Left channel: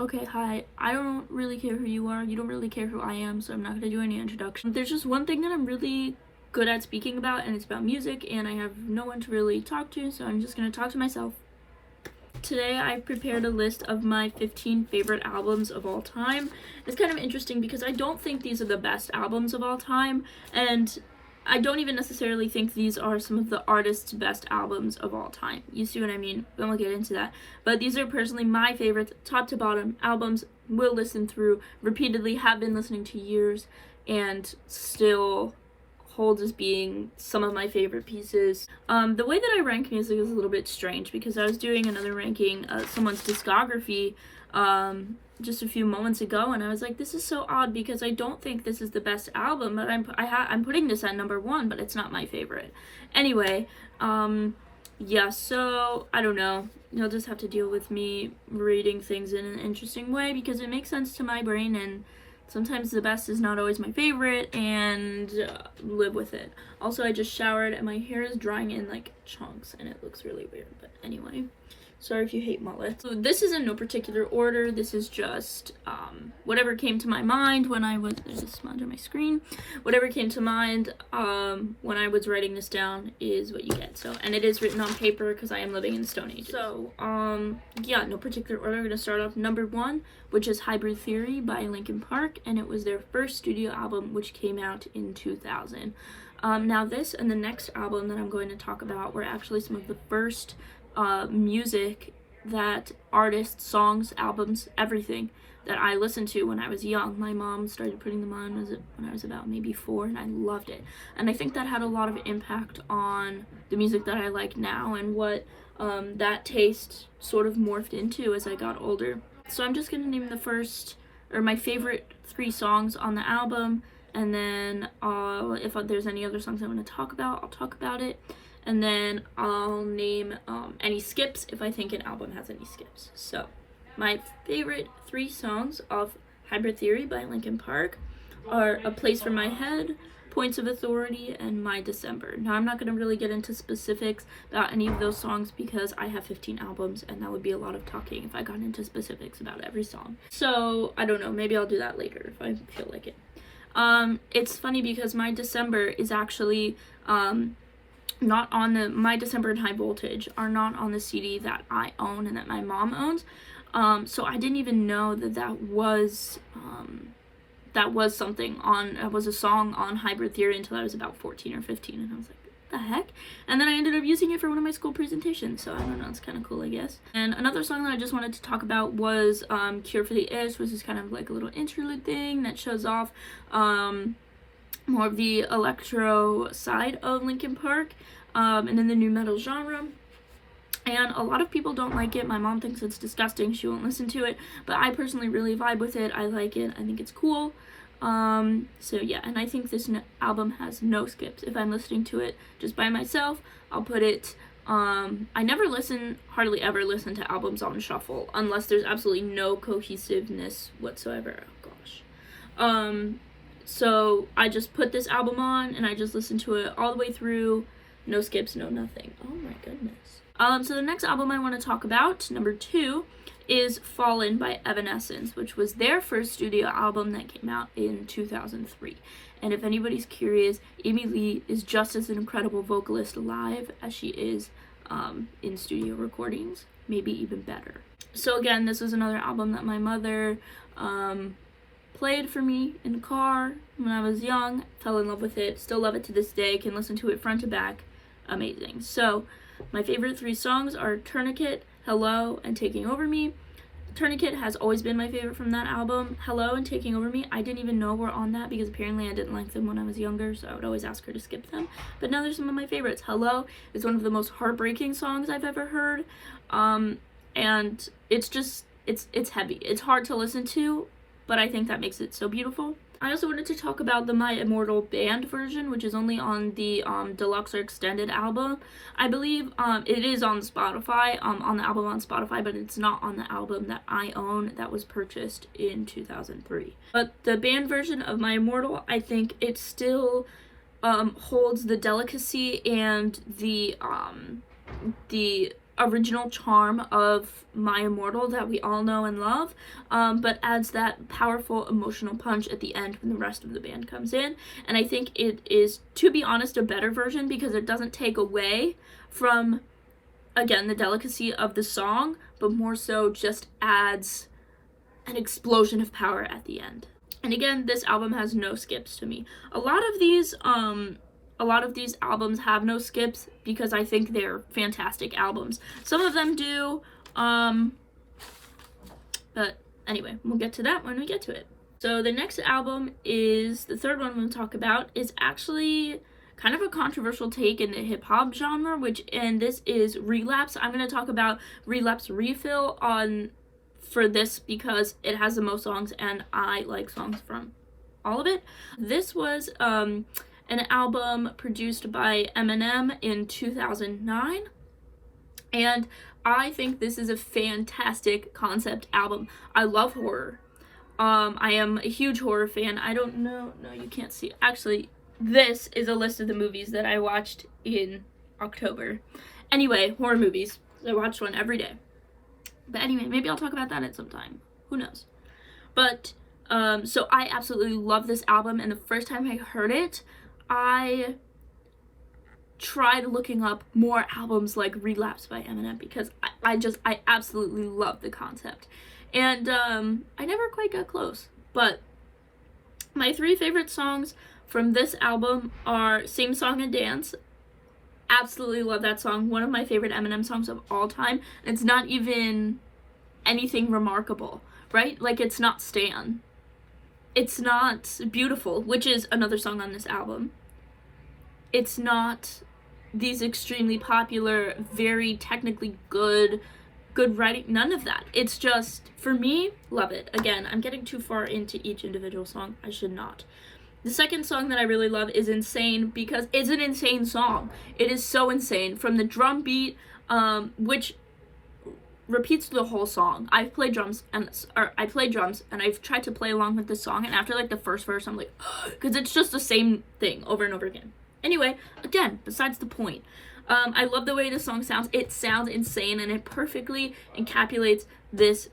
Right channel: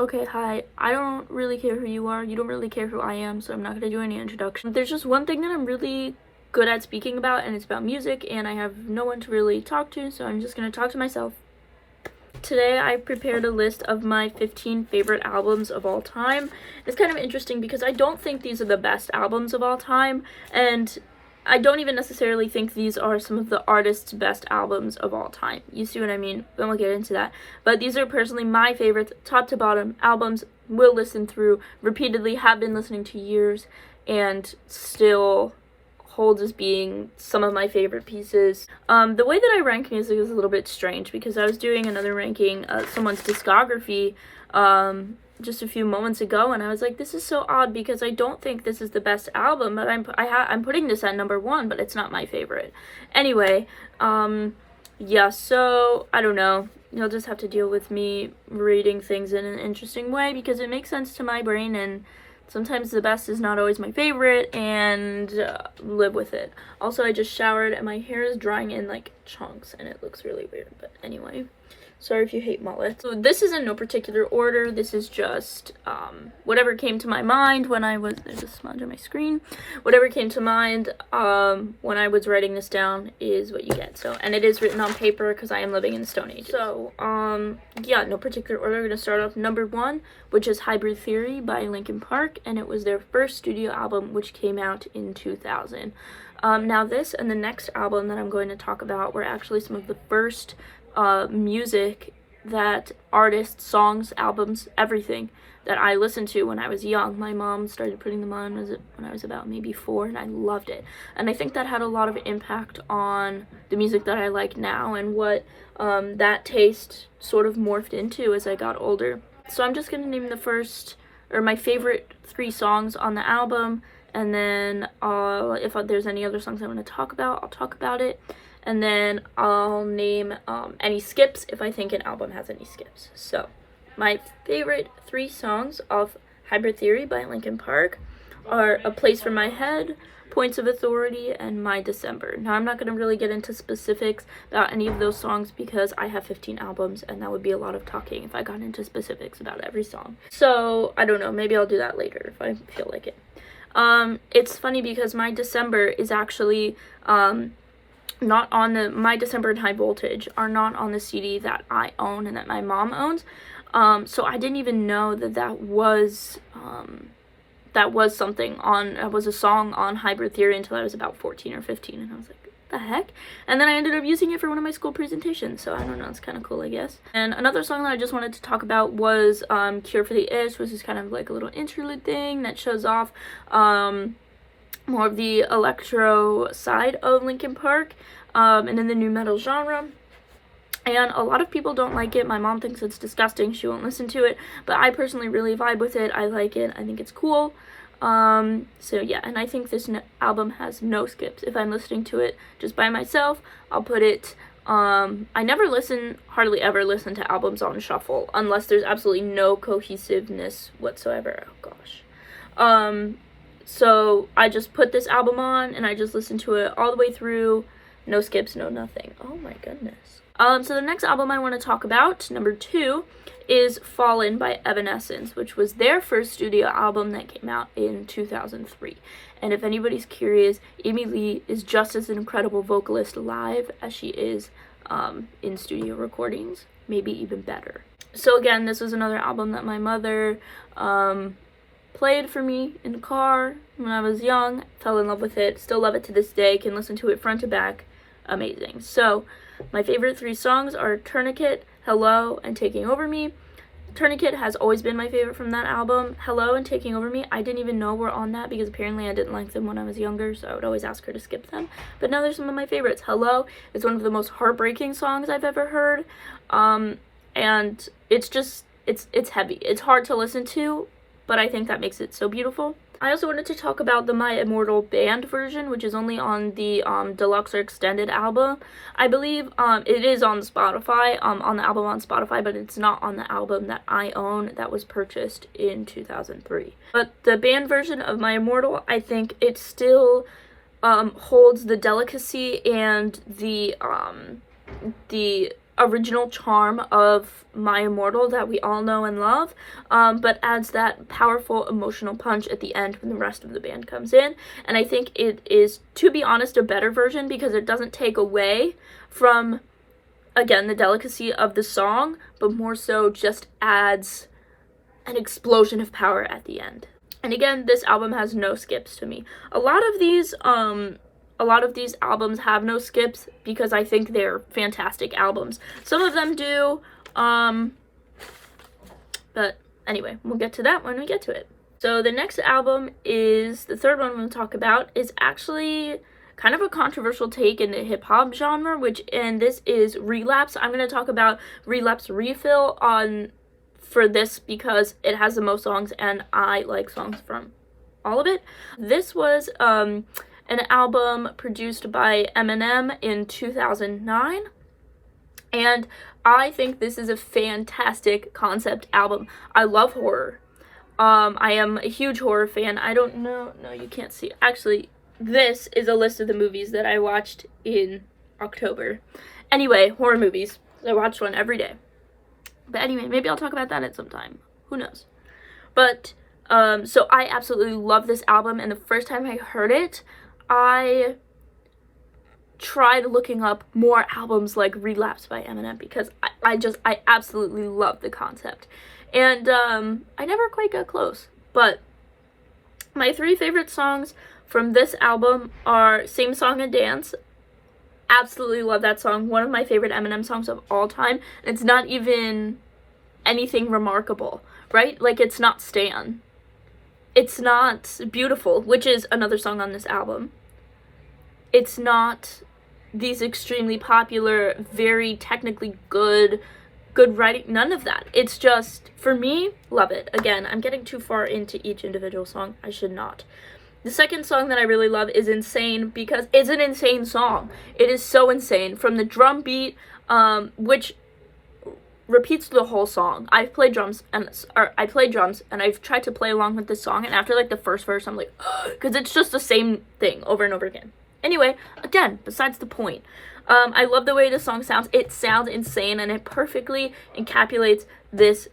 Okay, hi. I don't really care who you are. You don't really care who I am, so I'm not gonna do any introduction. There's just one thing that I'm really good at speaking about, and it's about music, and I have no one to really talk to, so I'm just gonna talk to myself. Today I prepared a list of my 15 favorite albums of all time. It's kind of interesting because I don't think these are the best albums of all time, and I don't even necessarily think these are some of the artists' best albums of all time. You see what I mean? Then we'll get into that. But these are personally my favorites, top to bottom, albums will listen through repeatedly, have been listening to years, and still hold as being some of my favorite pieces. The way that I rank music is a little bit strange because I was doing another ranking of someone's discography just a few moments ago, and I was like, this is so odd because I don't think this is the best album, but I'm putting this at number 1, but it's not my favorite. Anyway, yeah, so I don't know. You'll just have to deal with me reading things in an interesting way because it makes sense to my brain, and sometimes the best is not always my favorite, and live with it. Also, I just showered and my hair is drying in like chunks and it looks really weird, but anyway. Sorry if you hate mullets. So this is in no particular order. This is just whatever came to my mind when I was, there's a smudge on my screen. Whatever came to mind when I was writing this down is what you get. So, and it is written on paper because I am living in the Stone Ages. So, yeah, no particular order. We're gonna start off number 1, which is Hybrid Theory by Linkin Park, and it was their first studio album, which came out in 2000. Now this and the next album that I'm going to talk about were actually some of the first music that artists, songs, albums, everything that I listened to when I was young. My mom started putting them on when I was about maybe 4, and I loved it. And I think that had a lot of impact on the music that I like now and what that taste sort of morphed into as I got older. So I'm just going to name the first, or my favorite 3 songs on the album, and then if there's any other songs I want to talk about, I'll talk about it. And then I'll name any skips if I think an album has any skips. So, my favorite 3 songs of Hybrid Theory by Linkin Park are A Place for My Head, Points of Authority, and My December. Now, I'm not going to really get into specifics about any of those songs because I have 15 albums, and that would be a lot of talking if I got into specifics about every song. So, I don't know, maybe I'll do that later if I feel like it. It's funny because My December is actually not on My December and High Voltage are not on the CD that I own and that my mom owns. So I didn't even know that that was something on, that was a song on Hybrid Theory until I was about 14 or 15, and I was like, what the heck? And then I ended up using it for one of my school presentations, so I don't know, it's kind of cool, I guess. And another song that I just wanted to talk about was Cure for the Itch, which is kind of like a little interlude thing that shows off more of the electro side of Linkin Park, and in the nu metal genre. And a lot of people don't like it. My mom thinks it's disgusting. She won't listen to it, but I personally really vibe with it. I like it. I think it's cool. So yeah, and I think this album has no skips. If I'm listening to it just by myself, I'll put it, I never hardly ever listen to albums on shuffle unless there's absolutely no cohesiveness whatsoever. Oh gosh. So I just put this album on and I just listen to it all the way through. No skips, no nothing. Oh my goodness. So the next album I want to talk about, number 2, is Fallen by Evanescence, which was their first studio album that came out in 2003. And if anybody's curious, Amy Lee is just as an incredible vocalist live as she is in studio recordings, maybe even better. So again, this was another album that my mother played for me in the car when I was young, fell in love with it, still love it to this day, can listen to it front to back, amazing. So my favorite 3 songs are Tourniquet, Hello, and Taking Over Me. Tourniquet has always been my favorite from that album. Hello and Taking Over Me, I didn't even know were on that because apparently I didn't like them when I was younger, so I would always ask her to skip them. But now they're some of my favorites. Hello is one of the most heartbreaking songs I've ever heard, and it's just, it's heavy. It's hard to listen to, but I think that makes it so beautiful. I also wanted to talk about the My Immortal Band version, which is only on the deluxe or extended album. I believe it is on Spotify, on the album on Spotify, but it's not on the album that I own that was purchased in 2003. But the band version of My Immortal, I think it still holds the delicacy and the original charm of My Immortal that we all know and love, but adds that powerful emotional punch at the end when the rest of the band comes in. And I think it is, to be honest, a better version because it doesn't take away from, again, the delicacy of the song, but more so just adds an explosion of power at the end. And again, this album has no skips to me. A lot of these albums have no skips because I think they're fantastic albums. Some of them do, but anyway, we'll get to that when we get to it. So the next album is, the third one we'll talk about, is actually kind of a controversial take in the hip-hop genre, and this is Relapse. I'm going to talk about Relapse Refill for this because it has the most songs and I like songs from all of it. This was an album produced by Eminem in 2009, and I think this is a fantastic concept album. I love horror. I am a huge horror fan. I don't know, no, you can't see. Actually, this is a list of the movies that I watched in October. Anyway, horror movies. I watched one every day. But anyway, maybe I'll talk about that at some time. Who knows? But, so I absolutely love this album, and the first time I heard it, I tried looking up more albums like Relapse by Eminem because I absolutely love the concept. And, I never quite got close. But my 3 favorite songs from this album are Same Song and Dance. Absolutely love that song. One of my favorite Eminem songs of all time. And it's not even anything remarkable, right? Like, it's not Stan. It's not Beautiful, which is another song on this album. It's not these extremely popular, very technically good writing. None of that. It's just, for me, love it. Again, I'm getting too far into each individual song. I should not. The second song that I really love is Insane because it's an insane song. It is so insane. From the drum beat, which repeats the whole song. I play drums and I've tried to play along with this song, and after like the first verse I'm like, because it's just the same thing over and over again. Anyway, again, besides the point. I love the way the song sounds. It sounds insane and it perfectly encapsulates this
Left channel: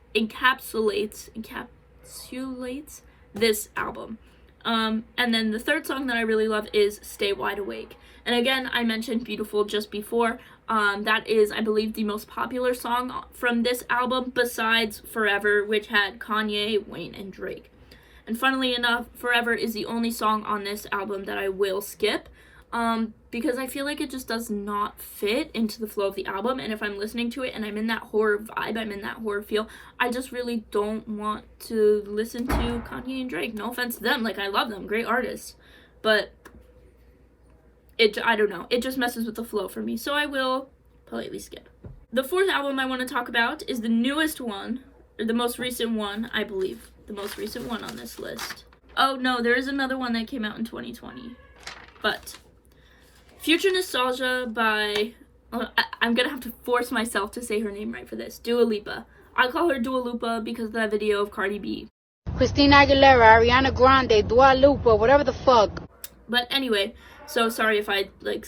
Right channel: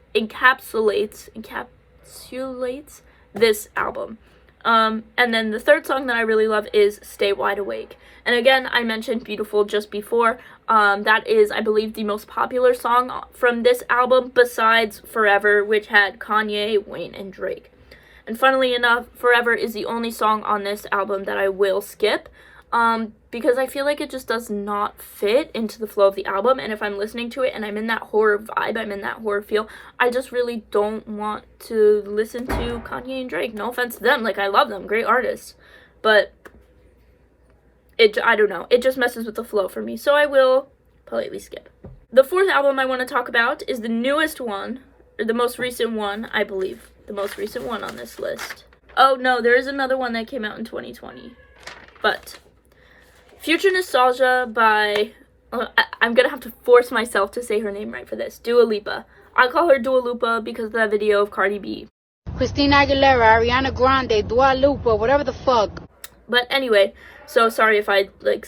album. And then the third song that I really love is Stay Wide Awake. And again, I mentioned Beautiful just before. That is, I believe, the most popular song from this album besides Forever, which had Kanye, Wayne, and Drake. And funnily enough, Forever is the only song on this album that I will skip, because I feel like it just does not fit into the flow of the album. And if I'm listening to it and I'm in that horror vibe, I'm in that horror feel, I just really don't want to listen to Kanye and Drake. No offense to them, like, I love them, great artists, but I don't know, it just messes with the flow for me, so I will politely skip. The fourth album I want to talk about is the newest one, or the most recent one, I believe, the most recent one on this list. Oh no, there is another one that came out in 2020, but Future Nostalgia by, I'm gonna have to force myself to say her name right for this, Dua Lipa. I call her Dua Lipa because of that video of Cardi B. Christina Aguilera, Ariana Grande, Dua Lipa, whatever the fuck. But anyway, so sorry if I, like,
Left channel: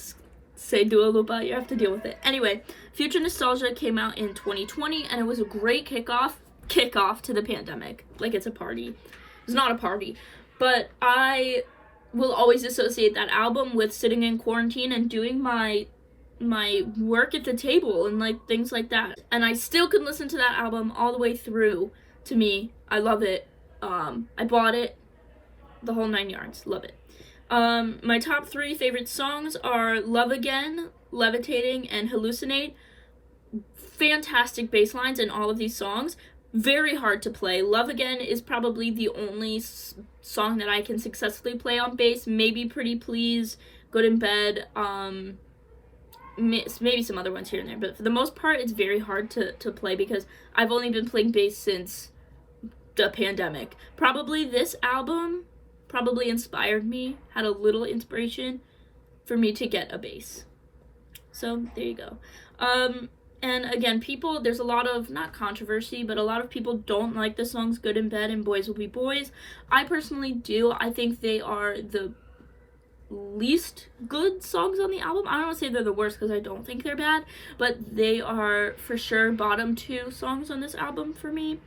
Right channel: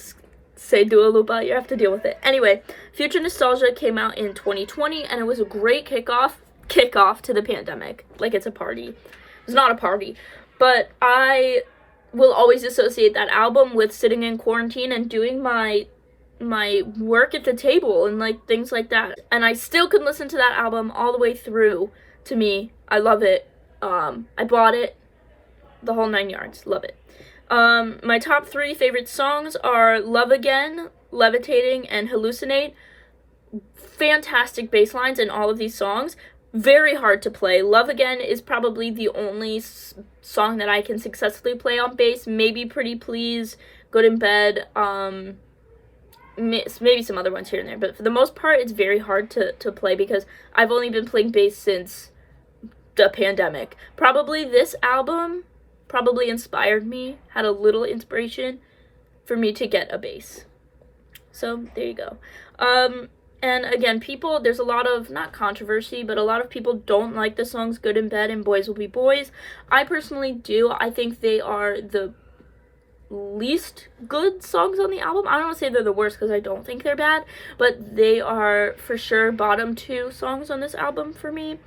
say Dua Lipa, you have to deal with it. Anyway, Future Nostalgia came out in 2020, and it was a great kickoff to the pandemic. Like, it's a party. It's not a party. But I will always associate that album with sitting in quarantine and doing my work at the table and, like, things like that. And I still can listen to that album all the way through. To me, I love it. I bought it. The whole 9 yards. Love it. My top 3 favorite songs are Love Again, Levitating, and Hallucinate. Fantastic bass lines in all of these songs. Very hard to play. Love Again is probably the only song that I can successfully play on bass. Maybe Pretty Please, Good in Bed, maybe some other ones here and there. But for the most part, it's very hard to play because I've only been playing bass since the pandemic. Probably this album inspired me, had a little inspiration for me to get a bass. So there you go. And again, there's a lot of, not controversy, but a lot of people don't like the songs Good in Bed and Boys Will Be Boys. I personally do. I think they are least good songs on the album. I don't want to say they're the worst because I don't think they're bad, but they are for sure bottom 2 songs on this album for me.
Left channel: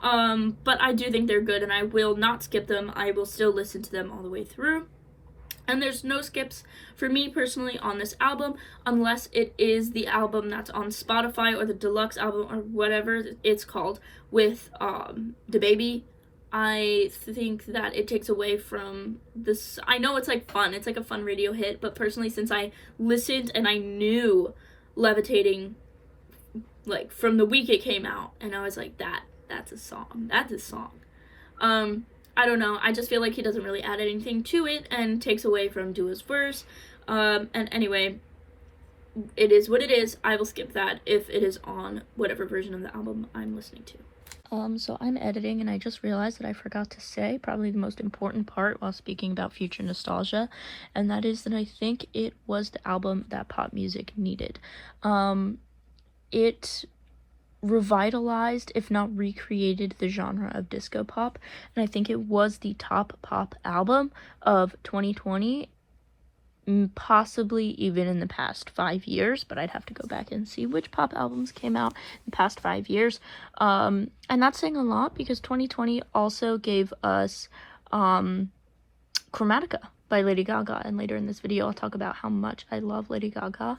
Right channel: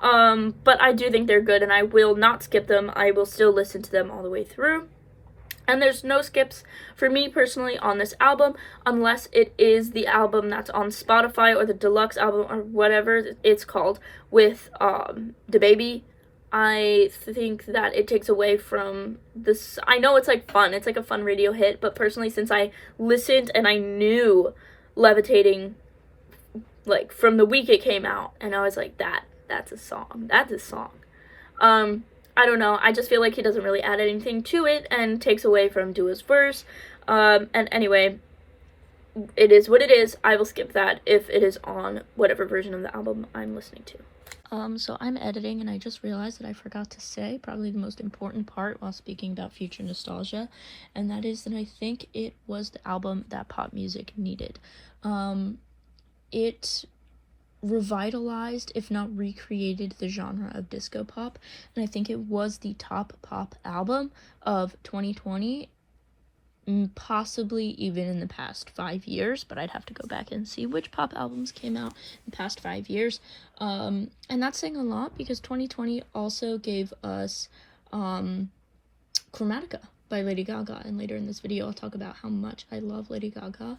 But I do think they're good, and I will not skip them. I will still listen to them all the way through. And there's no skips for me personally on this album, unless it is the album that's on Spotify or the deluxe album or whatever it's called with DaBaby. I think that it takes away from this. I know it's like fun, it's like a fun radio hit, but personally, since I listened and I knew Levitating like from the week it came out, and I was like, that's a song. I don't know. I just feel like he doesn't really add anything to it and takes away from Dua's verse. And anyway, it is what it is. I will skip that if it is on whatever version of the album I'm listening to. So I'm editing, and I just realized that I forgot to say probably the most important part while speaking about future nostalgia, and that is that I think it was the album that pop music needed. It revitalized, if not recreated, the genre of disco pop, and I think it was the top pop album of 2020, possibly even in the past 5 years, but I'd have to go back and see which pop albums came out in the past 5 years. And that's saying a lot because 2020 also gave us Chromatica by Lady Gaga, and later in this video I'll talk about how much I love Lady Gaga.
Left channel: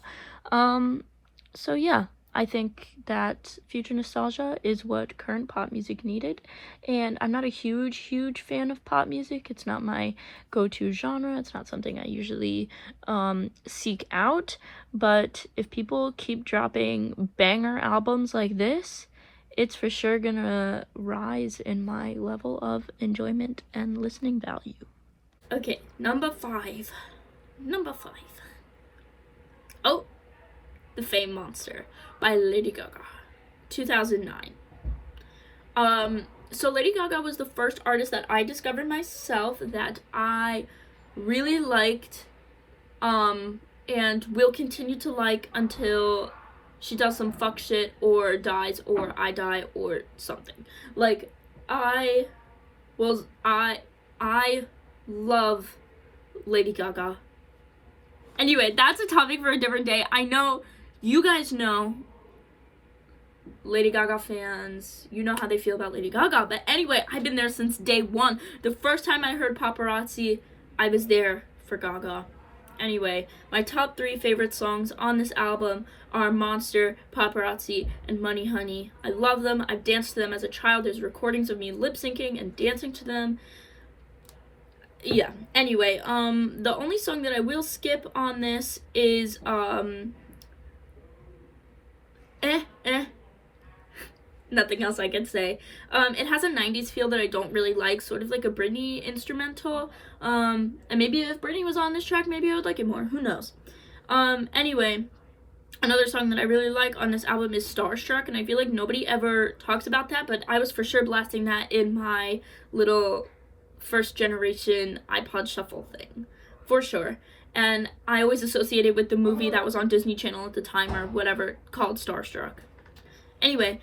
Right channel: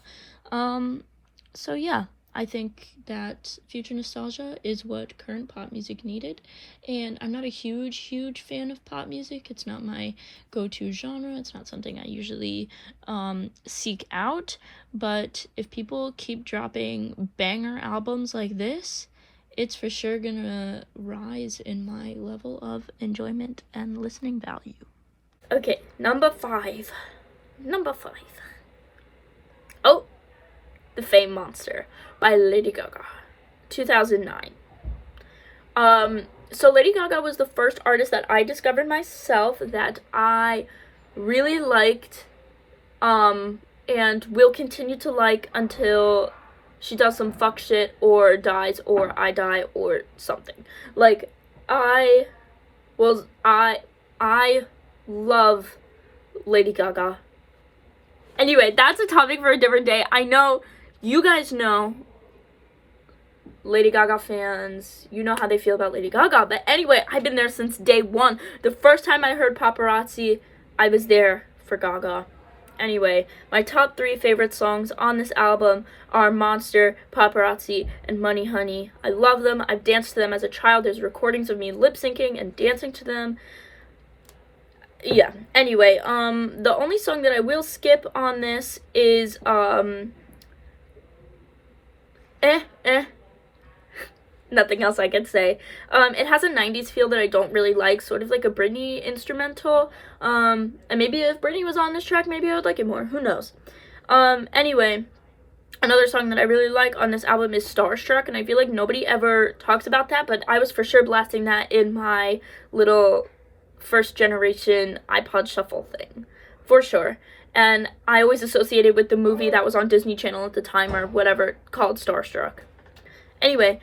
So yeah, I think that future nostalgia is what current pop music needed, and I'm not a huge fan of pop music. It's not my go-to genre. It's not something I usually seek out, but if people keep dropping banger albums like this, it's for sure gonna rise in my level of enjoyment and listening value. Okay, number five. Oh, The Fame Monster by Lady Gaga, 2009. So Lady Gaga was the first artist that I discovered myself that I really liked, and will continue to like until she does some fuck shit or dies or I die or something. Like, I love Lady Gaga. Anyway, that's a topic for a different day. I know you guys know, Lady Gaga fans, you know how they feel about Lady Gaga. But anyway, I've been there since day one. The first time I heard Paparazzi, I was there for Gaga. Anyway, my top 3 favorite songs on this album are Monster, Paparazzi, and Money Honey. I love them. I've danced to them as a child. There's recordings of me lip syncing and dancing to them. Yeah, anyway, the only song that I will skip on this is, nothing else I could say. It has a 90s feel that I don't really like, sort of like a Britney instrumental, and maybe if Britney was on this track, maybe I would like it more, who knows. Anyway, another song that I really like on this album is Starstruck, and I feel like nobody ever talks about that, but I was for sure blasting that in my little first generation iPod shuffle thing, for sure. And I always associated with the movie that was on Disney Channel at the time or whatever called Starstruck. Anyway,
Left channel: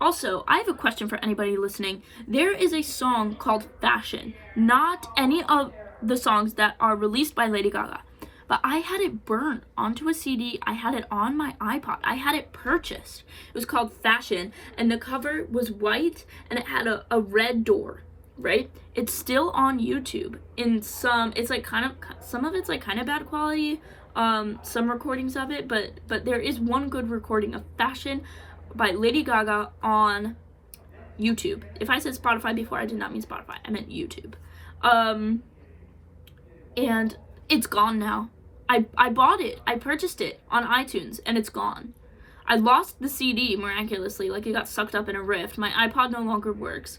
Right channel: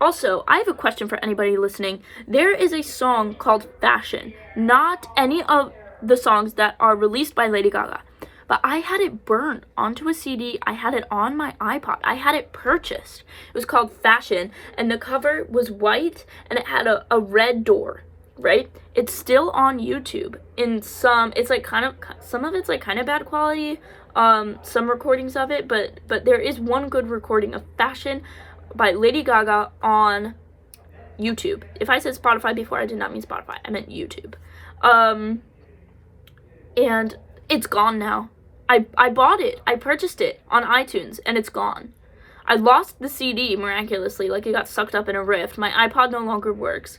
also, I have a question for anybody listening. There is a song called Fashion, not any of the songs that are released by Lady Gaga, but I had it burned onto a CD. I had it on my iPod. I had it purchased. It was called Fashion, and the cover was white, and it had a red door, right? It's still on YouTube. In some, it's like some of it's like kind of bad quality, some recordings of it, but there is one good recording of Fashion by Lady Gaga on YouTube. If I said Spotify before, I did not mean Spotify. I meant YouTube. And it's gone now. I bought it. I purchased it on iTunes, and it's gone. I lost the CD miraculously, like it got sucked up in a rift. My iPod no longer works.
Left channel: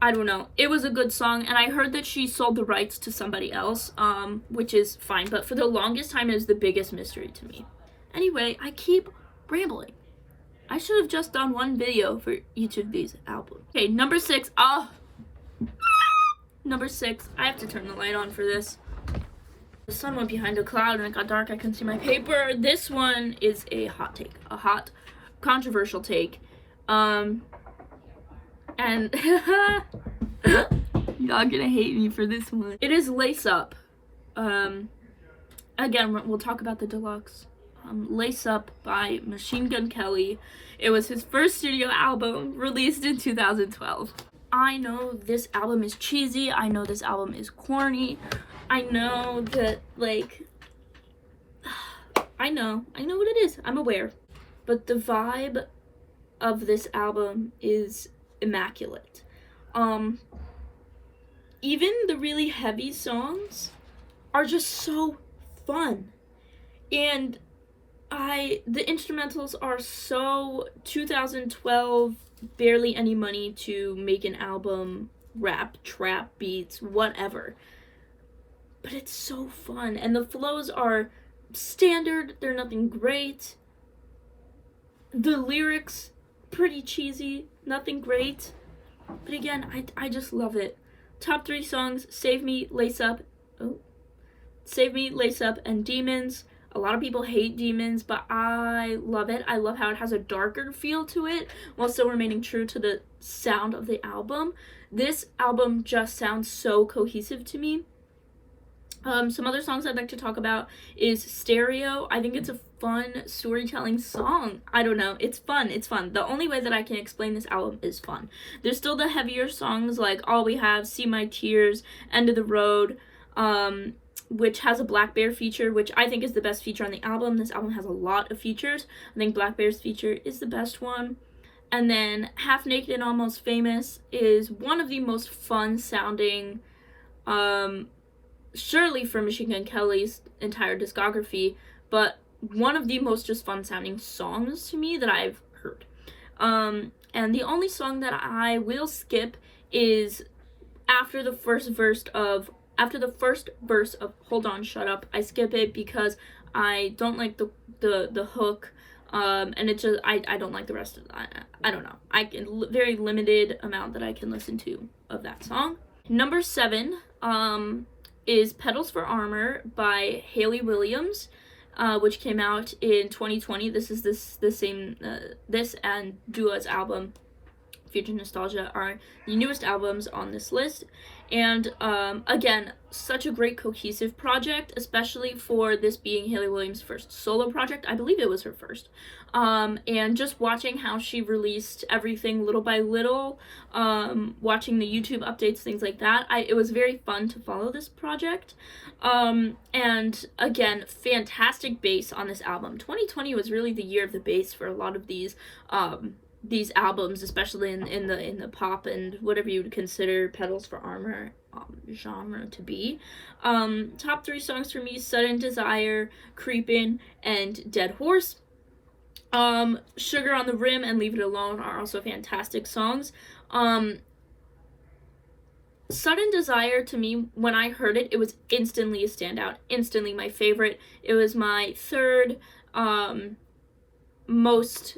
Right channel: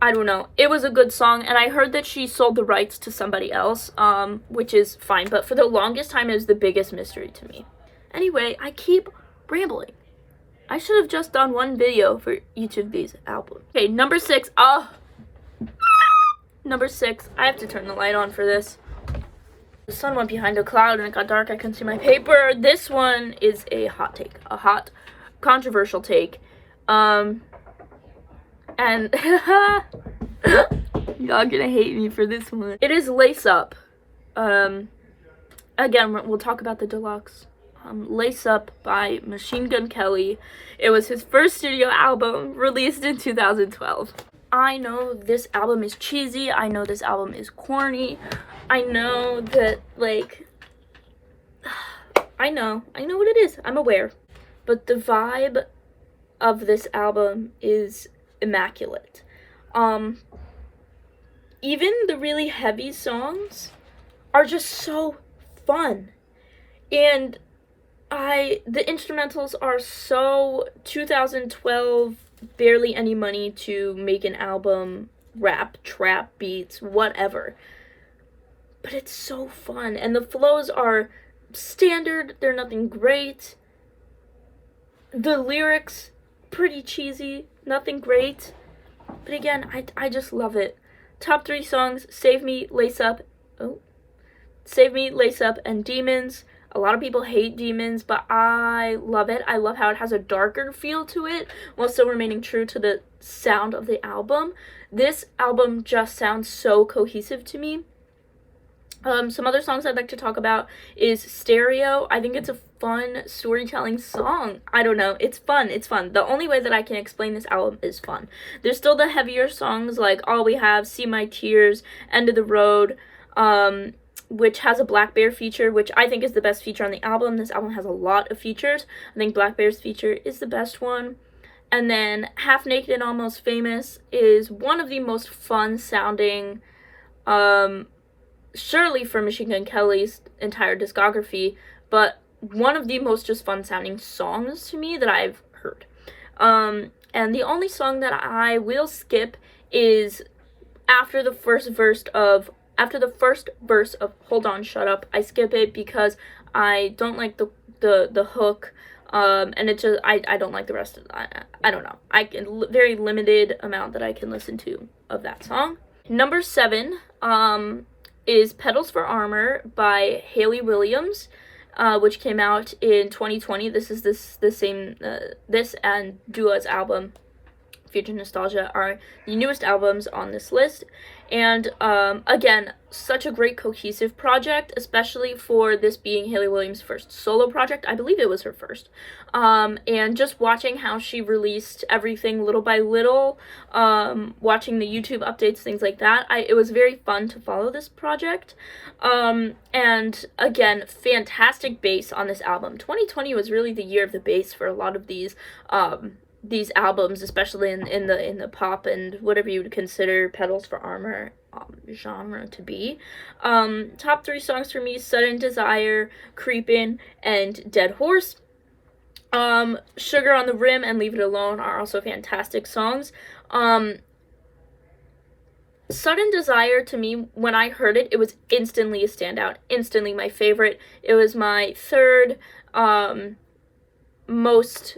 I don't know. It was a good song, and I heard that she sold the rights to somebody else, which is fine, but for the longest time, it was the biggest mystery to me. Anyway, I keep rambling. I should have just done one video for each of these albums. Okay, number 6. Number 6. I have to turn the light on for this. The sun went behind a cloud and it got dark. I couldn't see my paper. This one is a hot take. A hot, controversial take. And y'all gonna hate me for this one. It is Lace Up Again, we'll talk about the deluxe. Lace Up by Machine Gun Kelly. It was his first studio album, released in 2012. I know this album is cheesy. I know this album is corny. I know that, like, I know what it is. I'm aware. But the vibe of this album is immaculate. Even the really heavy songs are just so fun. And the instrumentals are so 2012, barely any money to make an album, rap, trap beats, whatever. But it's so fun, and the flows are standard, they're nothing great. The lyrics, pretty cheesy, nothing great. But again, I just love it. Top 3 songs, Save Me, Lace Up, and Demons. A lot of people hate Demons, but I love it. I love how it has a darker feel to it while still remaining true to the sound of the album. This album just sounds so cohesive to me. Some other songs I'd like to talk about is Stereo. I think it's a fun storytelling song. I don't know. It's fun. It's fun. The only way that I can explain this album is fun. There's still the heavier songs like All We Have, See My Tears, End of the Road, which has a Black Bear feature, which I think is the best feature on the album. This album has a lot of features. I think Black Bear's feature is the best one. And then Half Naked and Almost Famous is one of the most fun sounding, surely for Machine Gun Kelly's entire discography, but one of the most just fun sounding songs to me that I've heard. And the only song that I will skip is after the first verse of Hold On, Shut Up. I skip it because I don't like the hook, and it just, I don't like the rest of that. I don't know. Very limited amount that I can listen to of that song. Number 7, is Petals for Armor by HAYLEY Williams, which came out in 2020. This is this and Dua's album, Future Nostalgia, are the newest albums on this list. And again, such a great cohesive project, especially for this being HAYLEY Williams' first solo project. I believe it was her first. And just watching how she released everything little by little, watching the YouTube updates, things like that, it was very fun to follow this project. And again, fantastic bass on this album. 2020 was really the year of the bass for a lot of these albums, especially in the pop and whatever you would consider Petals for Armor genre to be. Top 3 songs for me: Sudden Desire, Creepin', and Dead Horse. Sugar on the Rim and Leave It Alone are also fantastic songs. Sudden Desire, to me, when I heard it, it was instantly a standout, instantly my favorite. It was my third most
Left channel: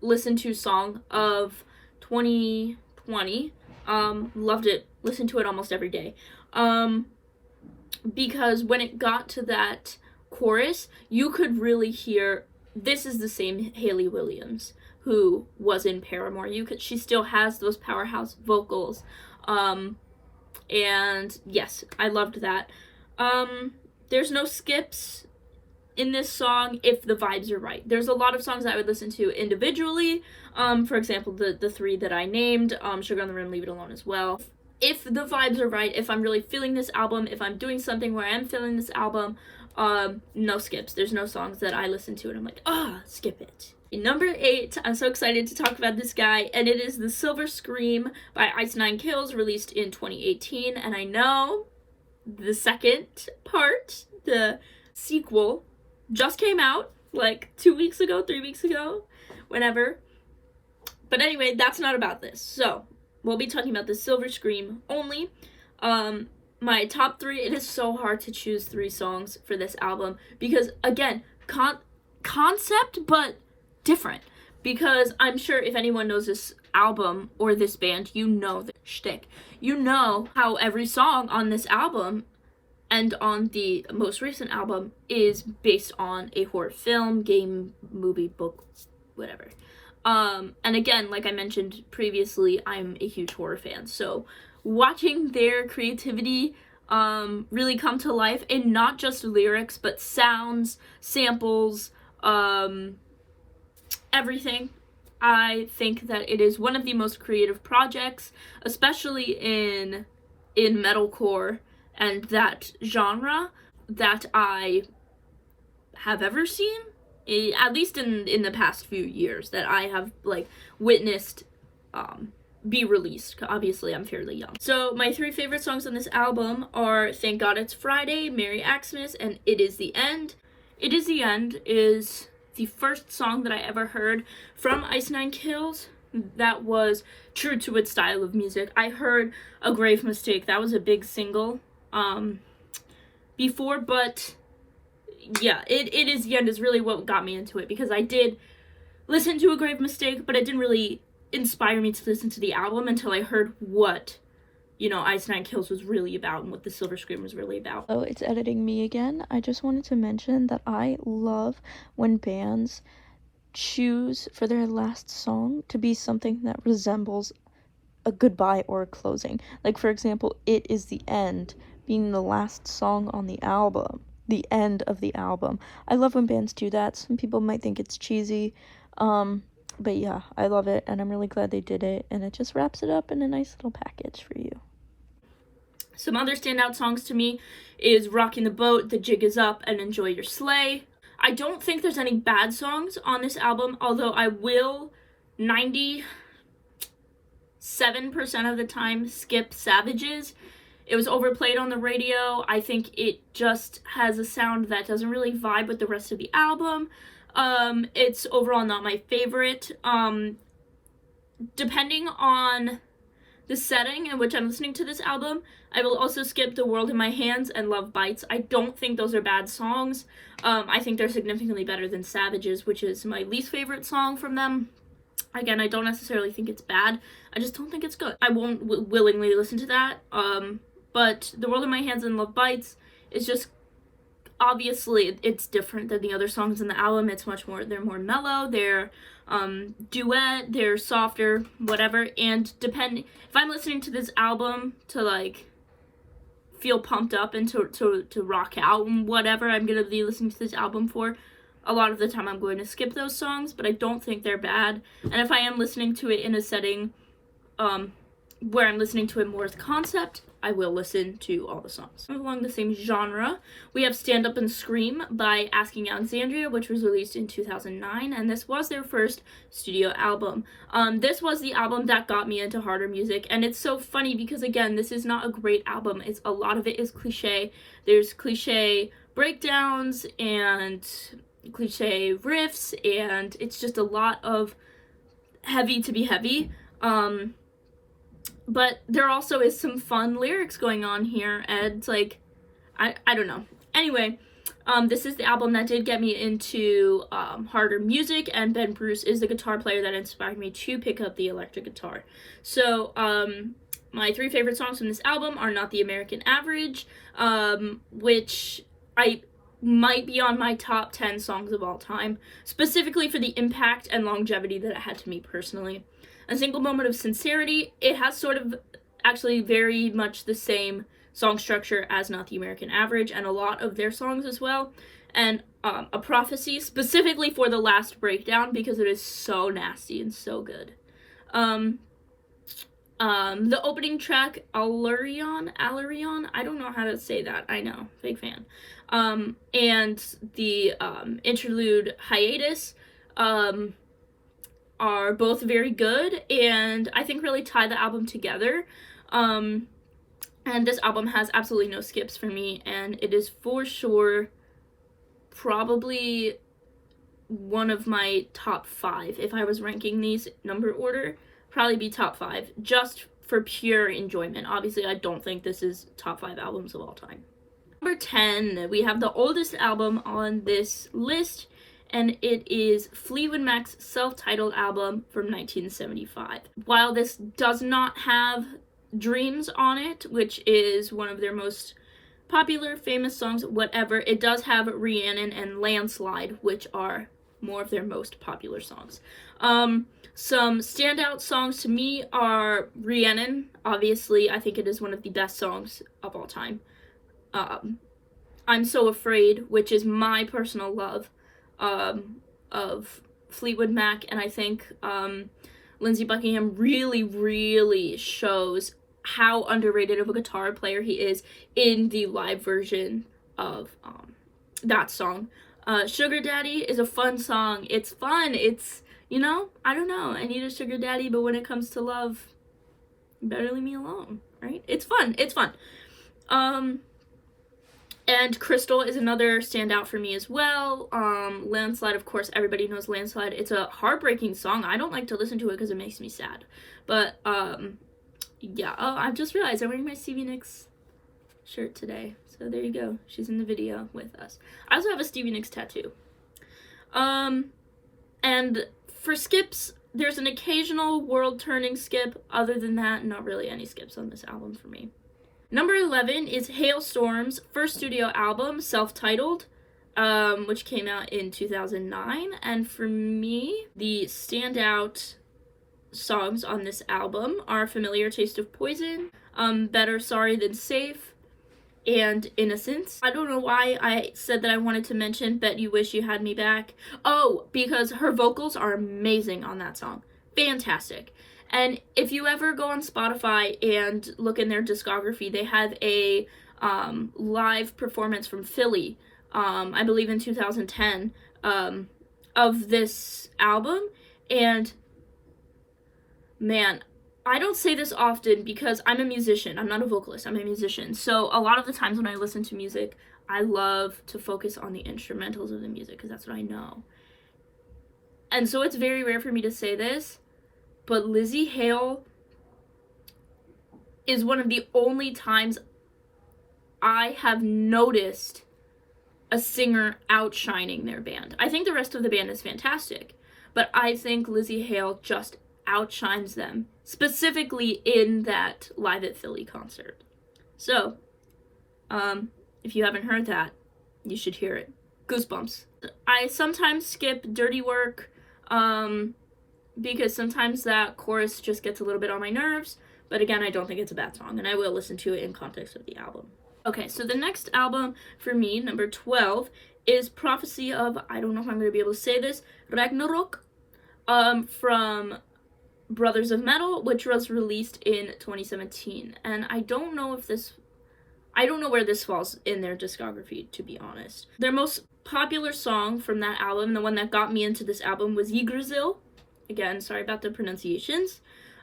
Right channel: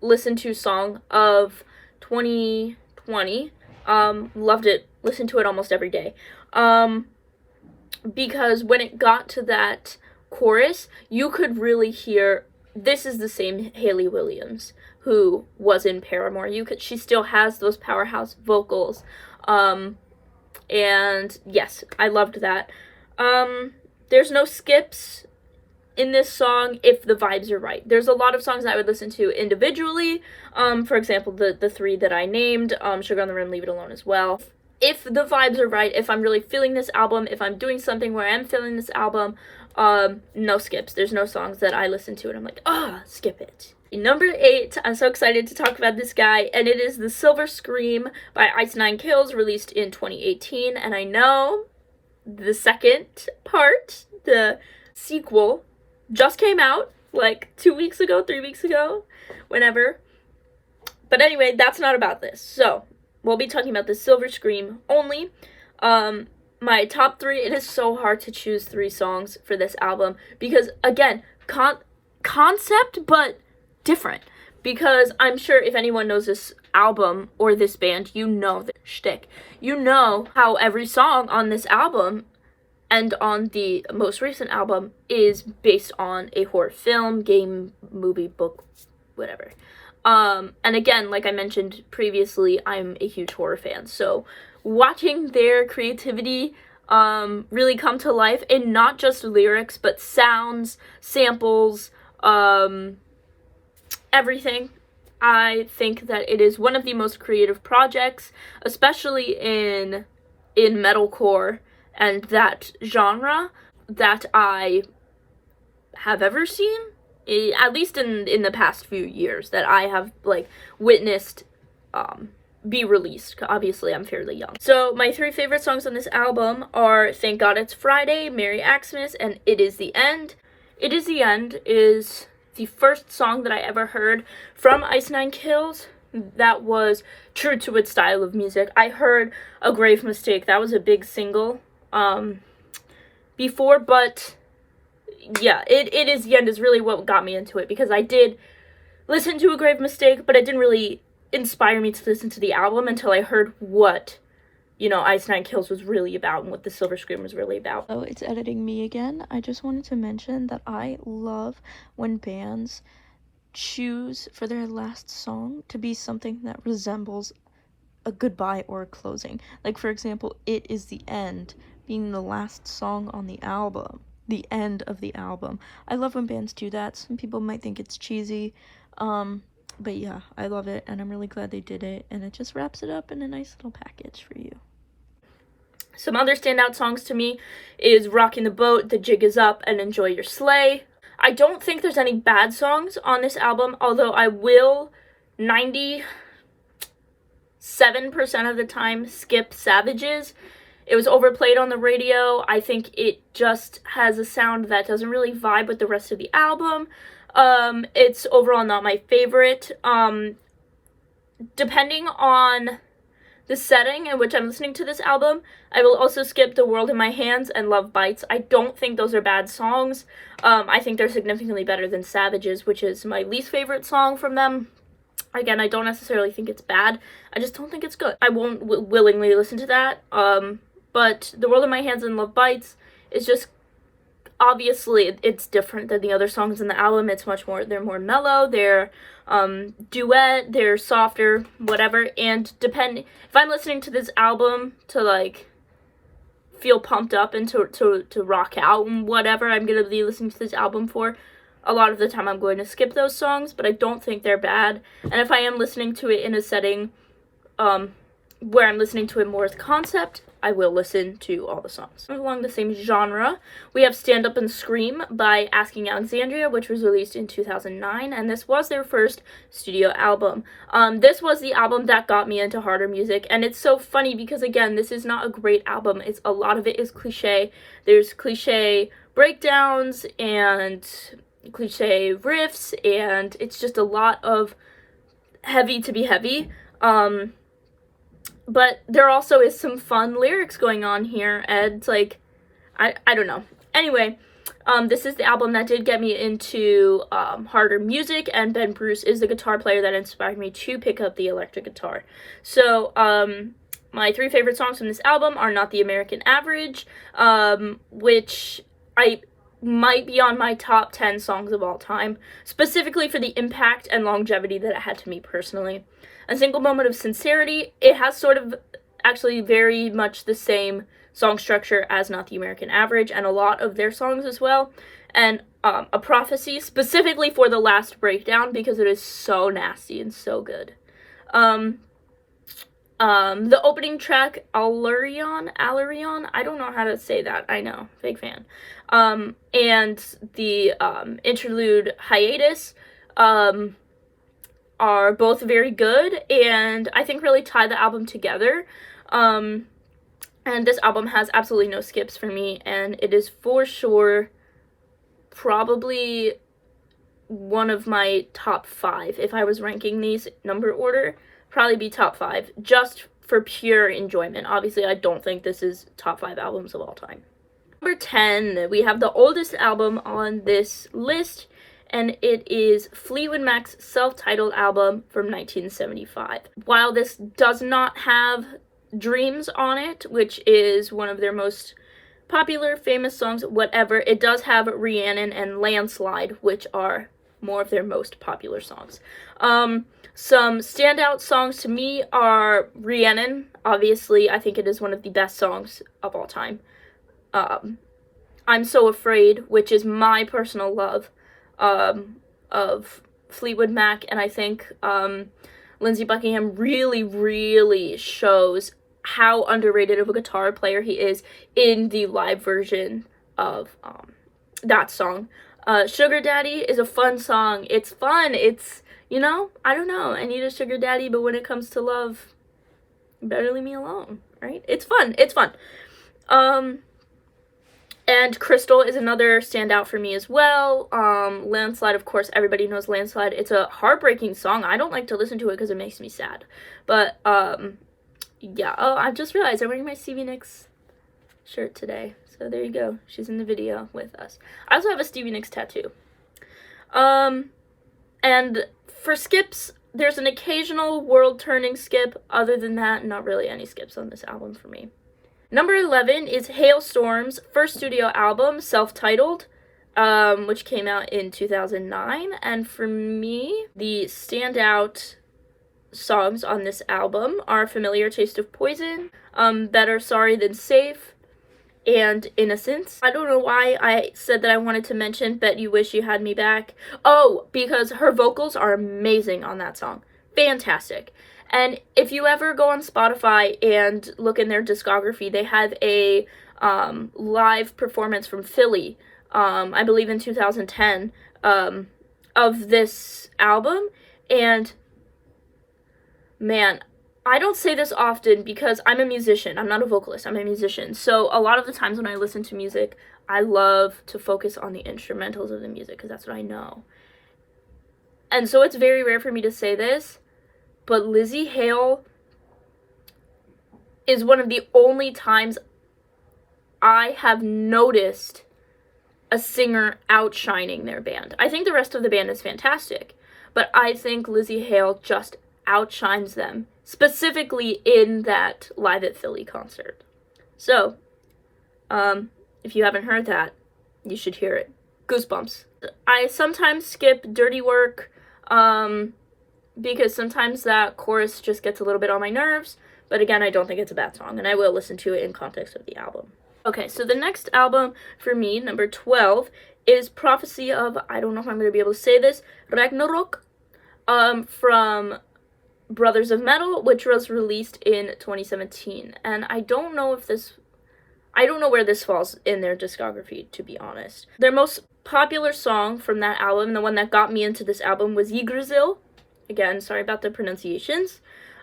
listened to song of 2020. Loved it, listened to it almost every day, because when it got to that chorus, you could really hear this is the same HAYLEY Williams who was in Paramore. She still has those powerhouse vocals, and yes, I loved that. There's no skips in this song if the vibes are right. There's a lot of songs that I would listen to individually. For example, the 3 that I named, Sugar on the Rim, Leave It Alone as well. If the vibes are right, if I'm really feeling this album, if I'm doing something where I'm feeling this album, no skips. There's no songs that I listen to and I'm like, skip it. Number 8, I'm so excited to talk about this guy, and it is The Silver Scream by Ice Nine Kills, released in 2018. And I know the second part, the sequel, just came out like 2 weeks ago, 3 weeks ago, whenever. But anyway, that's not about this. So we'll be talking about The Silver Scream only. My top 3, it is so hard to choose 3 songs for this album because, again, concept, but different. Because I'm sure if anyone knows this album or this band, you know the shtick. You know how every song on this album and on the most recent album is based on a horror film, game, movie, book, whatever. And again, like I mentioned previously, I'm a huge horror fan, so watching their creativity really come to life, and not just lyrics, but sounds, samples, everything. I think that it is one of the most creative projects, especially in metalcore and that genre, that I have ever seen, at least in the past few years, that I have like witnessed be released. Obviously I'm fairly young. So my 3 favorite songs on this album are Thank God It's Friday, Merry Xmas, and It Is the End. It Is the End is the first song that I ever heard from Ice Nine Kills that was true to its style of music. I heard A Grave Mistake, that was a big single before, but yeah, It Is the End is really what got me into it, because I did listen to A Grave Mistake, but it didn't really inspire me to listen to the album until I heard what, you know, Ice Nine Kills was really about and what the Silver Scream was really about. Oh, it's editing me again. I just wanted to mention that I love when bands choose for their last song to be something that resembles a goodbye or a closing. Like, for example, It Is the End being the last song on the album, the end of the album. I love when bands do that. Some people might think it's cheesy, but yeah, I love it, and I'm really glad they did it, and it just wraps it up in a nice little package for you. Some other standout songs to me is Rockin' the Boat, The Jig Is Up, and Enjoy Your Sleigh. I don't think there's any bad songs on this album, although I will 97% of the time skip Savages. It was overplayed on the radio. I think it just has a sound that doesn't really vibe with the rest of the album. It's overall not my favorite. Depending on the setting in which I'm listening to this album, I will also skip The World in My Hands and Love Bites. I don't think those are bad songs. I think they're significantly better than Savages, which is my least favorite song from them. Again, I don't necessarily think it's bad. I just don't think it's good. I won't willingly listen to that. But The World in My Hands and Love Bites is just, obviously, it's different than the other songs in the album. It's much more, they're more mellow, they're duet, they're softer, whatever. And if I'm listening to this album to like feel pumped up and to rock out and whatever I'm gonna be listening to this album for, a lot of the time I'm going to skip those songs, but I don't think they're bad. And if I am listening to it in a setting where I'm listening to it more as a concept, I will listen to all the songs. Along the same genre, we have Stand Up and Scream by Asking Alexandria, which was released in 2009, and this was their first studio album. This was the album that got me into harder music, and it's so funny because, again, this is not a great album. A lot of it is cliche. There's cliche breakdowns and cliche riffs, and it's just a lot of heavy to be heavy. But there also is some fun lyrics going on here, and it's like, I don't know. Anyway, this is the album that did get me into harder music, and Ben Bruce is the guitar player that inspired me to pick up the electric guitar. So, my 3 favorite songs from this album are Not the American Average, which I might be on my top 10 songs of all time, specifically for the impact and longevity that it had to me personally. A Single Moment of Sincerity, it has sort of actually very much the same song structure as Not the American Average, and a lot of their songs as well. And A Prophecy, specifically for the last breakdown, because it is so nasty and so good. The opening track, Alurion, I don't know how to say that, I know, fake fan. And the interlude, Hiatus, are both very good, and I think really tie the album together. And this album has absolutely no skips for me, and it is for sure probably one of my top 5. If I was ranking these number order, probably be top 5, just for pure enjoyment. Obviously, I don't think this is top 5 albums of all time. Number 10, we have the oldest album on this list, and it is Fleetwood Mac's self-titled album from 1975. While this does not have Dreams on it, which is one of their most popular, famous songs, whatever, it does have Rhiannon and Landslide, which are more of their most popular songs. Some standout songs to me are Rhiannon. Obviously, I think it is one of the best songs of all time. I'm So Afraid, which is my personal love of Fleetwood Mac, and I think Lindsey Buckingham really, really shows how underrated of a guitar player he is in the live version of that song. Sugar Daddy is a fun song. It's fun. It's, you know, I don't know. I need a sugar daddy, but when it comes to love, you better leave me alone, right? It's fun. It's fun. And Crystal is another standout for me as well. Landslide, of course, everybody knows Landslide. It's a heartbreaking song. I don't like to listen to it because it makes me sad. But, yeah. Oh, I've just realized I'm wearing my Stevie Nicks shirt today. So there you go. She's in the video with us. I also have a Stevie Nicks tattoo. And for skips, there's an occasional world-turning skip. Other than that, not really any skips on this album for me. Number 11 is Hailstorm's first studio album, self-titled, which came out in 2009. And for me, the standout songs on this album are Familiar Taste of Poison, Better Sorry Than Safe, and Innocence. I don't know why I said that I wanted to mention Bet You Wish You Had Me Back. Oh, because her vocals are amazing on that song. Fantastic. And if you ever go on Spotify and look in their discography, they have a live performance from Philly, I believe in 2010, of this album. And man, I don't say this often because I'm a musician. I'm not a vocalist. I'm a musician. So a lot of the times when I listen to music, I love to focus on the instrumentals of the music because that's what I know. And so it's very rare for me to say this, but Lzzy Hale is one of the only times I have noticed a singer outshining their band. I think the rest of the band is fantastic, but I think Lzzy Hale just outshines them, specifically in that Live at Philly concert. So, if you haven't heard that, you should hear it. Goosebumps. I sometimes skip Dirty Work, because sometimes that chorus just gets a little bit on my nerves, but again, I don't think it's a bad song, and I will listen to it in context of the album. Okay, so the next album for me, number 12, is Prophecy of, I don't know if I'm going to be able to say this, Ragnarok, from Brothers of Metal, which was released in 2017, and I don't know where this falls in their discography, to be honest. Their most popular song from that album, the one that got me into this album, was Yggdrasil. Again, sorry about the pronunciations.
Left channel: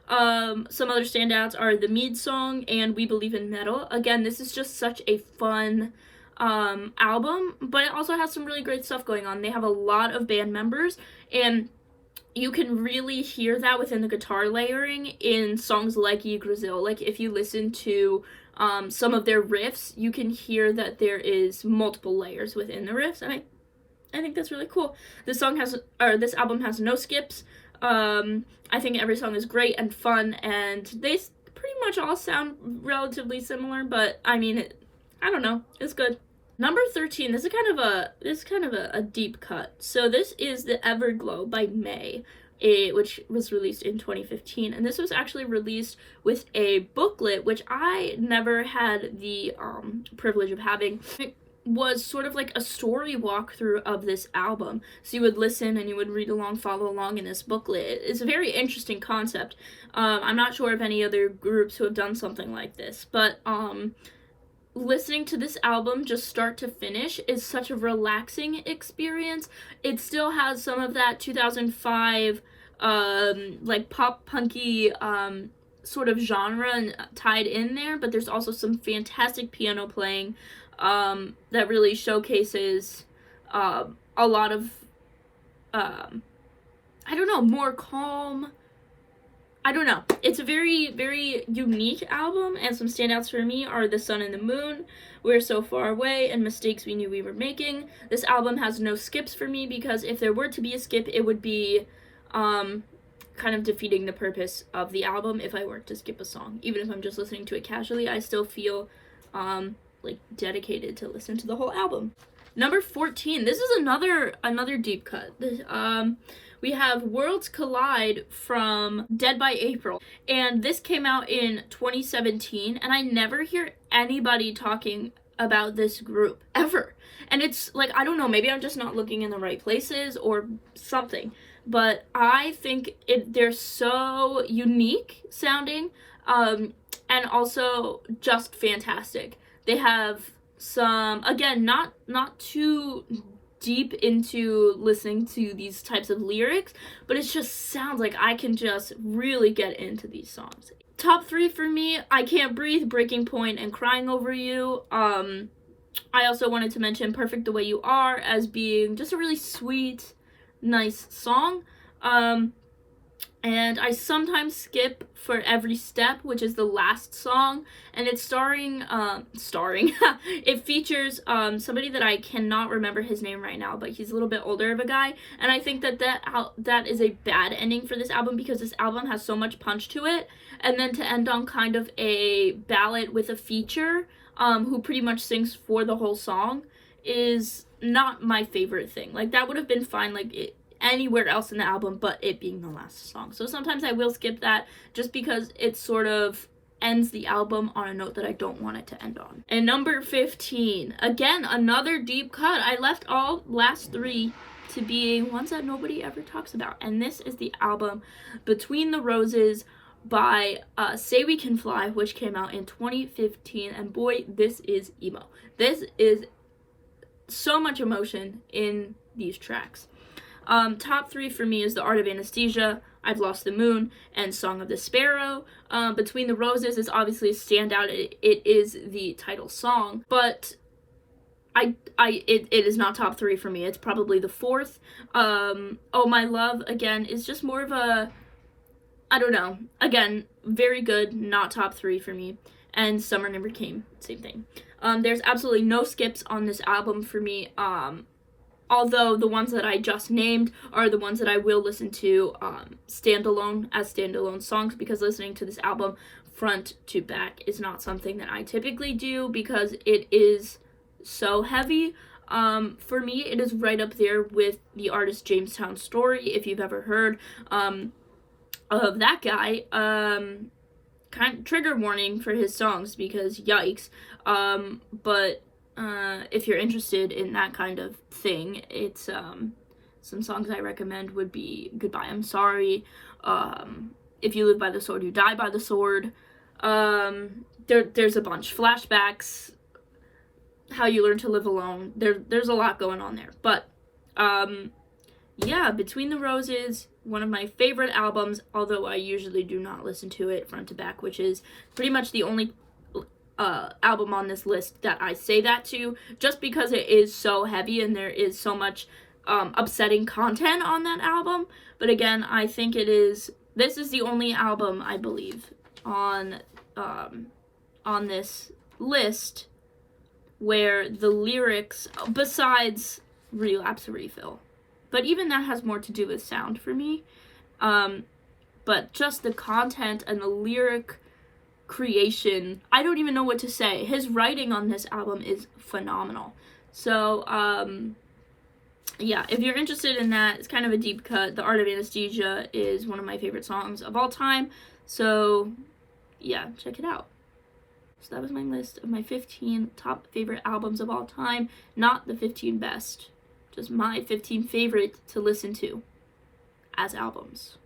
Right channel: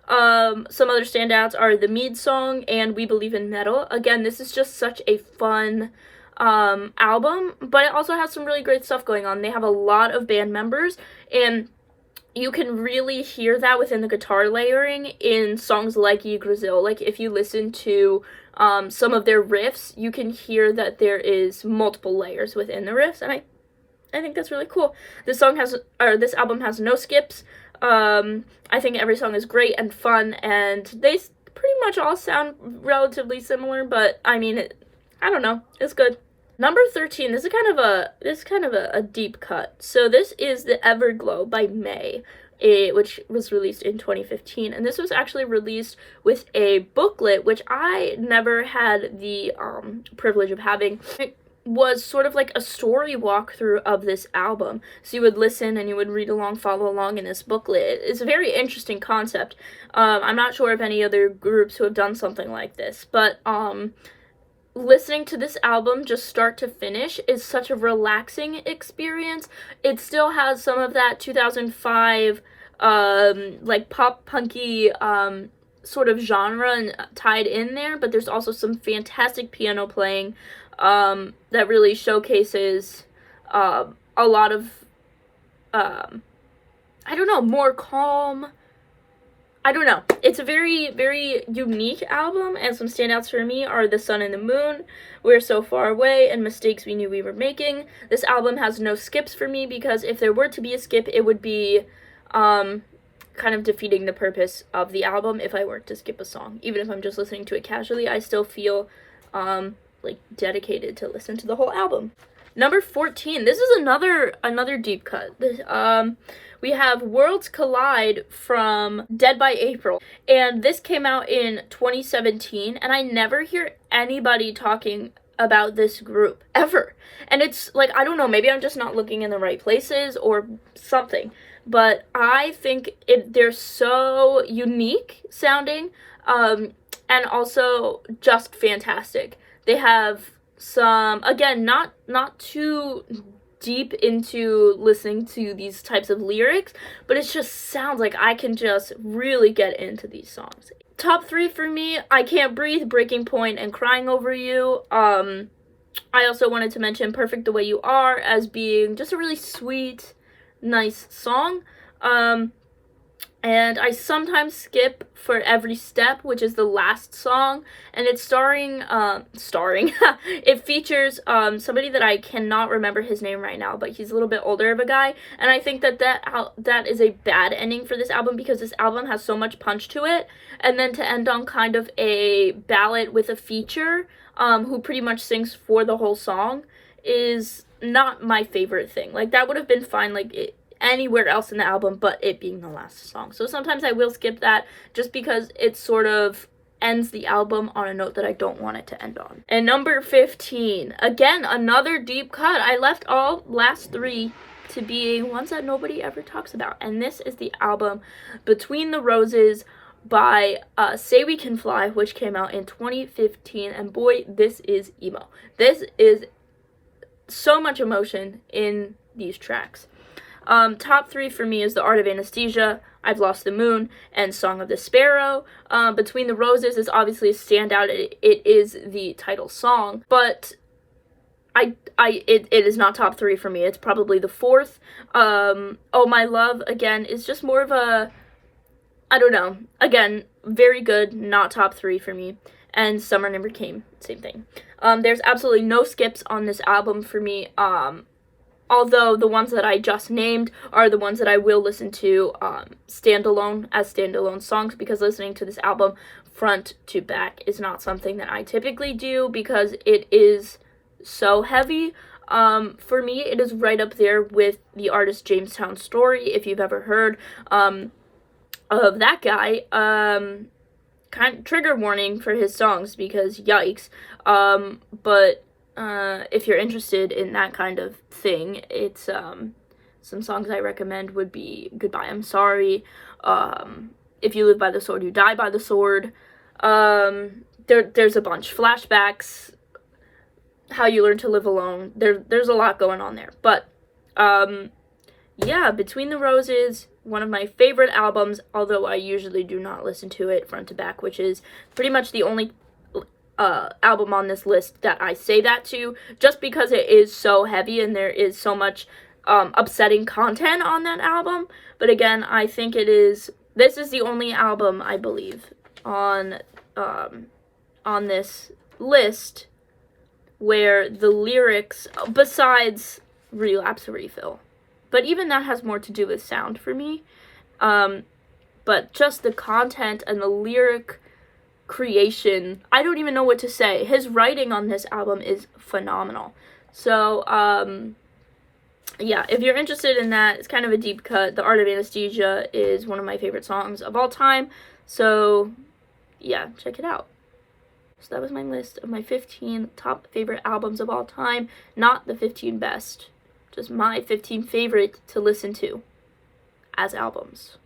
Some other standouts are the Mead song and We Believe in Metal. Again, this is just such a fun album, but it also has some really great stuff going on. They have a lot of band members, and you can really hear that within the guitar layering in songs like Yggdrasil. Like, if you listen to some of their riffs, you can hear that there is multiple layers within the riffs, and I think that's really cool. This album has no skips. I think every song is great and fun, and they pretty much all sound relatively similar, but I mean, I don't know, it's good. Number 13, this is kind of a deep cut. So this is The Everglow by May, which was released in 2015, and this was actually released with a booklet, which I never had the privilege of having. It was sort of like a story walkthrough of this album. So you would listen and you would read along, follow along in this booklet. It's a very interesting concept. I'm not sure of any other groups who have done something like this, but listening to this album just start to finish is such a relaxing experience. It still has some of that 2005 like pop punky sort of genre tied in there, but there's also some fantastic piano playing that really showcases a lot of I don't know, more calm. I don't know. It's a very, very unique album, and some standouts for me are The Sun and the Moon, We're So Far Away, and Mistakes We Knew We Were Making. This album has no skips for me, because if there were to be a skip, it would be kind of defeating the purpose of the album if I were to skip a song. Even if I'm just listening to it casually, I still feel like dedicated to listen to the whole album. Number 14, this is another deep cut. We have Worlds Collide from Dead by April, and this came out in 2017, and I never hear anybody talking about this group ever. And it's like, I don't know, maybe I'm just not looking in the right places or something, but I think they're so unique sounding, and also just fantastic. They have some, again, not too deep into listening to these types of lyrics, but it just sounds like I can just really get into these songs. Top 3 for me, I Can't Breathe, Breaking Point, and Crying Over You. I also wanted to mention Perfect the Way You Are as being just a really sweet, nice song. And I sometimes skip For Every Step, which is the last song, and it's starring, it features somebody that I cannot remember his name right now, but he's a little bit older of a guy, and I think that is a bad ending for this album, because this album has so much punch to it, and then to end on kind of a ballad with a feature, who pretty much sings for the whole song, is not my favorite thing. Like, that would have been fine, like, anywhere else in the album but it being the last song. So sometimes I will skip that just because it sort of ends the album on a note that I don't want it to end on. And number 15, again, another deep cut. I left all last 3 to be ones that nobody ever talks about, and this is the album Between the Roses by Say We Can Fly, which came out in 2015, and boy, this is emo. This is so much emotion in these tracks. Top 3 for me is The Art of Anesthesia, I've Lost the Moon, and Song of the Sparrow. Between the Roses is obviously a standout. It is the title song, but it is not top 3 for me. It's probably the 4th. Oh My Love, again, is just more of a, I don't know. Again, very good, not top 3 for me. And Summer Never Came, same thing. There's absolutely no skips on this album for me. Although the ones that I just named are the ones that I will listen to standalone as standalone songs, because listening to this album front to back is not something that I typically do because it is so heavy. For me, it is right up there with the artist Jamestown Story, if you've ever heard of that guy. Kind of trigger warning for his songs because yikes. But if you're interested in that kind of thing, it's some songs I recommend would be Goodbye I'm Sorry, If You Live by the Sword You Die by the Sword, there's a bunch, Flashbacks, How You Learn to Live Alone. There's a lot going on there, but yeah, Between the Roses, one of my favorite albums, although I usually do not listen to it front to back, which is pretty much the only album on this list that I say that to, just because it is so heavy and there is so much upsetting content on that album. But again, I think this is the only album, I believe, on this list where the lyrics, besides Relapse or Refill, but even that has more to do with sound for me, but just the content and the lyric creation, I don't even know what to say. His writing on this album is phenomenal. So yeah, if you're interested in that, it's kind of a deep cut. The Art of Anesthesia is one of my favorite songs of all time, so yeah, check it out. So that was my list of my 15 top favorite albums of all time, not the 15 best, just my 15 favorite to listen to as albums.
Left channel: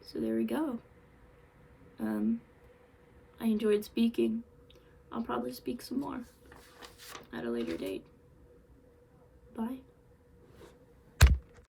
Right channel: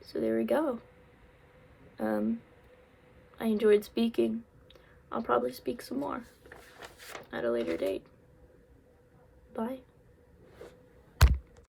So there we go. I enjoyed speaking. I'll probably speak some more at a later date. Bye.